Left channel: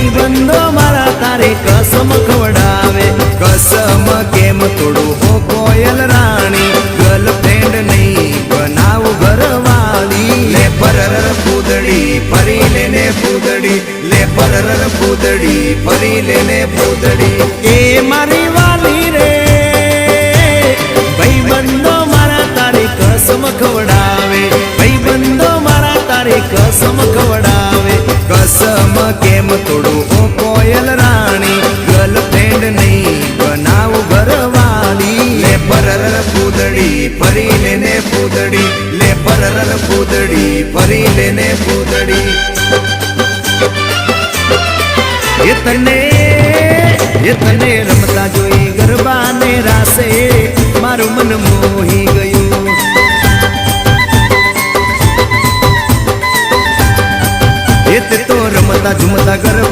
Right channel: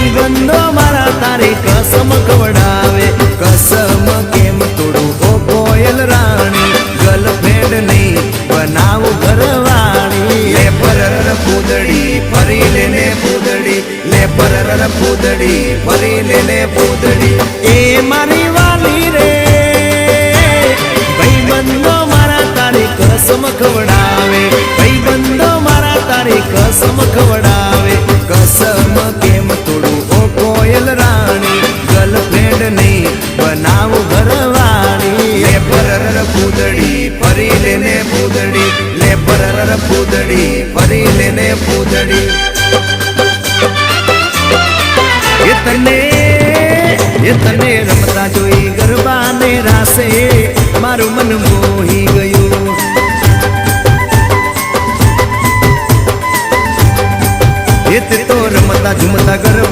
ભાઈબંધો મારા તારી કસમ ખવડાવે. કસમ કેમ તોડો ઓ કોયલ રાણી, ગર્લફ્રેન્ડ નહીં બનાવ ઘરવાળી. લે પરર પૂદડી ફરી લેને પૂદડી, લે પરર પૂદડી ફરી લેને પૂદડી. એ મારી વાલી રે ભાઈબંધો મારા તારી કસમ ખવડાવે. ભાઈબંધો મારા તારી કસમ ખવડાવે. કસમ કેમ તોડો ઓ કોયલ રાણી, ગર્લફ્રેન્ડ નહીં બનાવ ઘરવાળી. લે પરર પૂદડી ફરી લેને પૂદડી, લે પરર પૂદડી ફરી લેને પૂદડી. એ તને રમતા જોઈ ગરબાને રાસે મારું મન મોહી ગયું. એ તે તો રમતા ઝુમતા ગરબા